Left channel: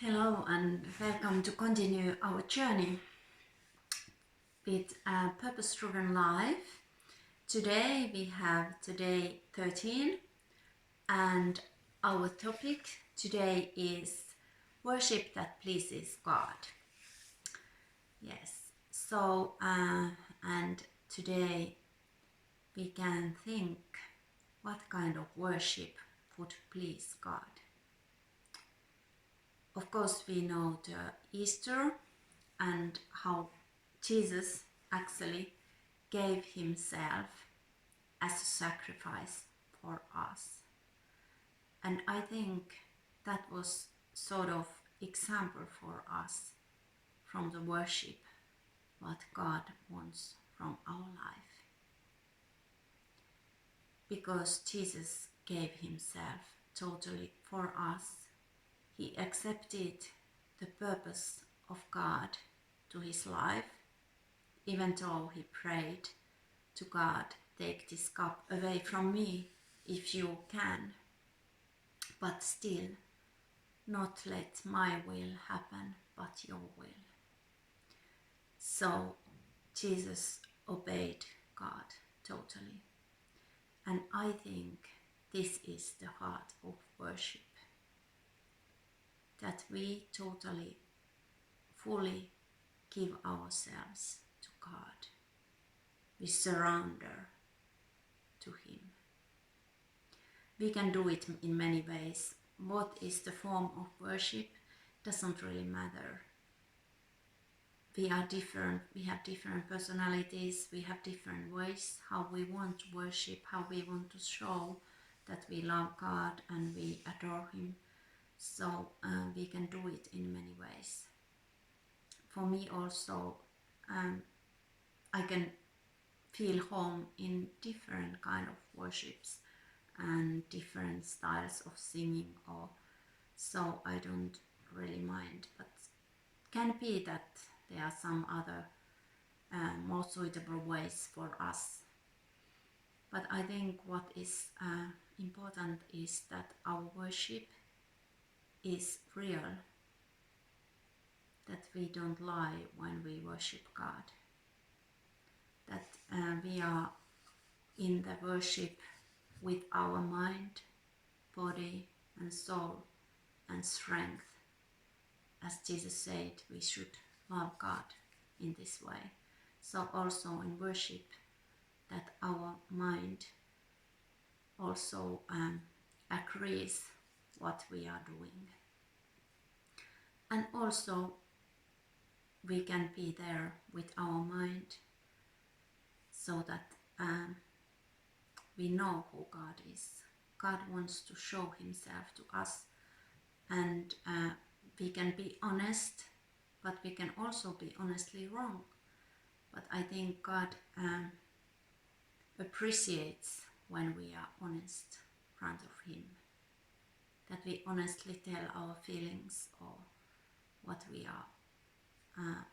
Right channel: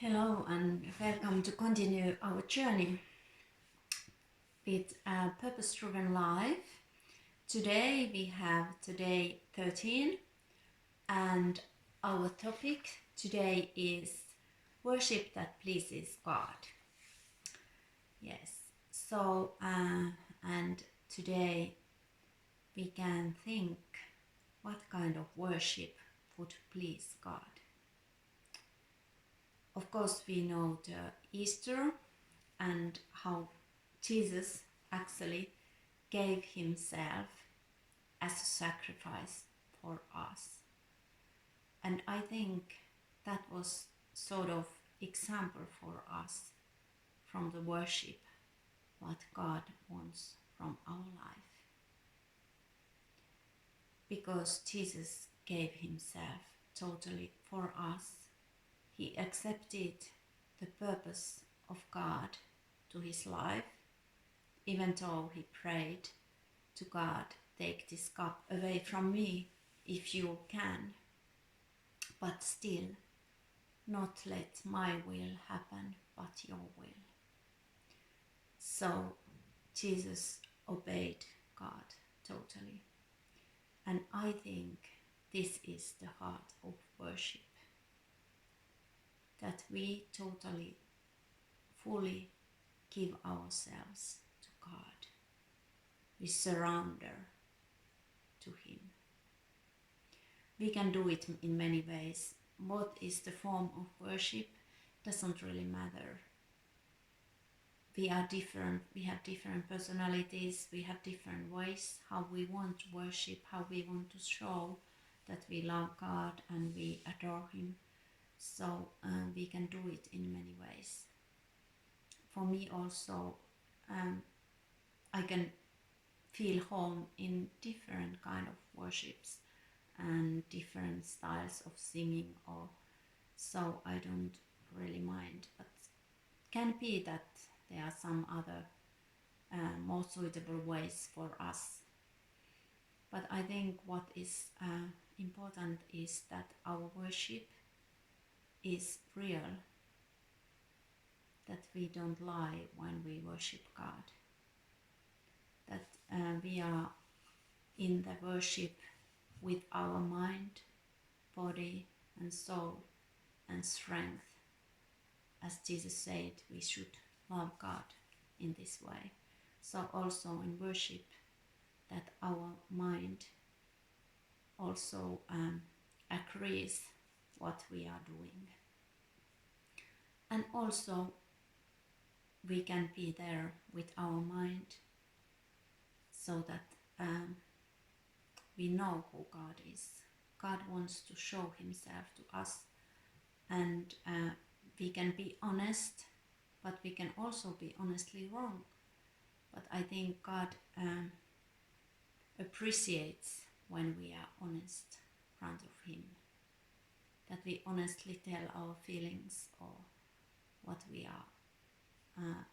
Hello and welcome to continue our journey with a purpose-driven life. Today we have day 13 and our topic today is worship that pleases God. Yes, so and today we can think what kind of worship would please God. Of course, we know the Easter and how Jesus actually gave himself as a sacrifice for us. And I think that was sort of example for us from the worship, what God wants from our life. Because Jesus gave himself totally for us, he accepted the purpose of God to his life, even though he prayed to God, take this cup away from me if you can, but still not let my will happen, but your will. So Jesus obeyed God totally. And I think this is the heart of worship. That we totally, fully give ourselves to God. We surrender to him. We can do it in many ways. What is the form of worship doesn't really matter. We are different, we have different personalities, we have different ways how we want to worship, how we want to show that we love God and we adore him. So we can do it in many ways. For me also, I can feel home in different kind of worships and different styles of singing, or so I don't really mind. But can be that there are some other more suitable ways for us. But I think what is important is that our worship is real, that we don't lie when we worship God, that we are in the worship with our mind, body and soul and strength. As Jesus said, we should love God in this way. So also in worship, that our mind also agrees what we are doing. And also we can be there with our mind so that we know who God is. God wants to show himself to us, and we can be honest, but we can also be honestly wrong. But I think God appreciates when we are honest in front of him, that we honestly tell our feelings or what we are,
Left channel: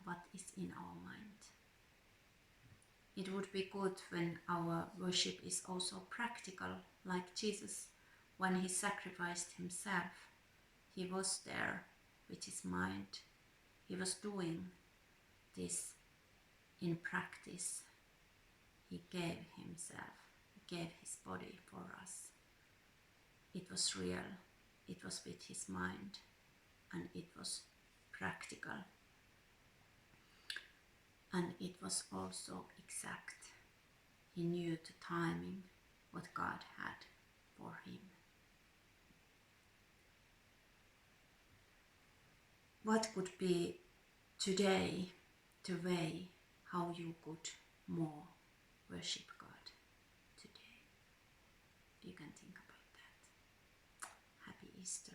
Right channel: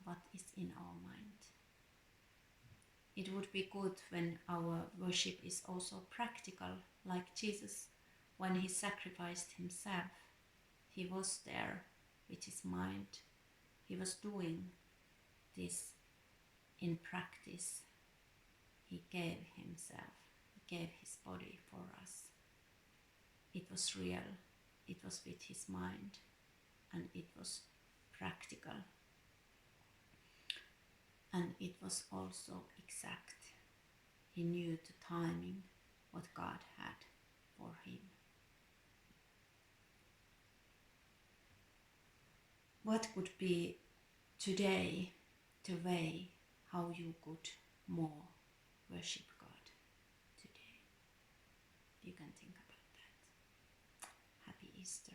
what is in our mind. It would be good when our worship is also practical, like Jesus, when he sacrificed himself. He was there with his mind. He was doing this in practice. He gave himself, he gave his body for us. It was real, it was with his mind, and it was practical. And it was also exact. He knew the timing, what God had for him. What could be today the way how you could more worship God today? You can think about that. Happy Easter.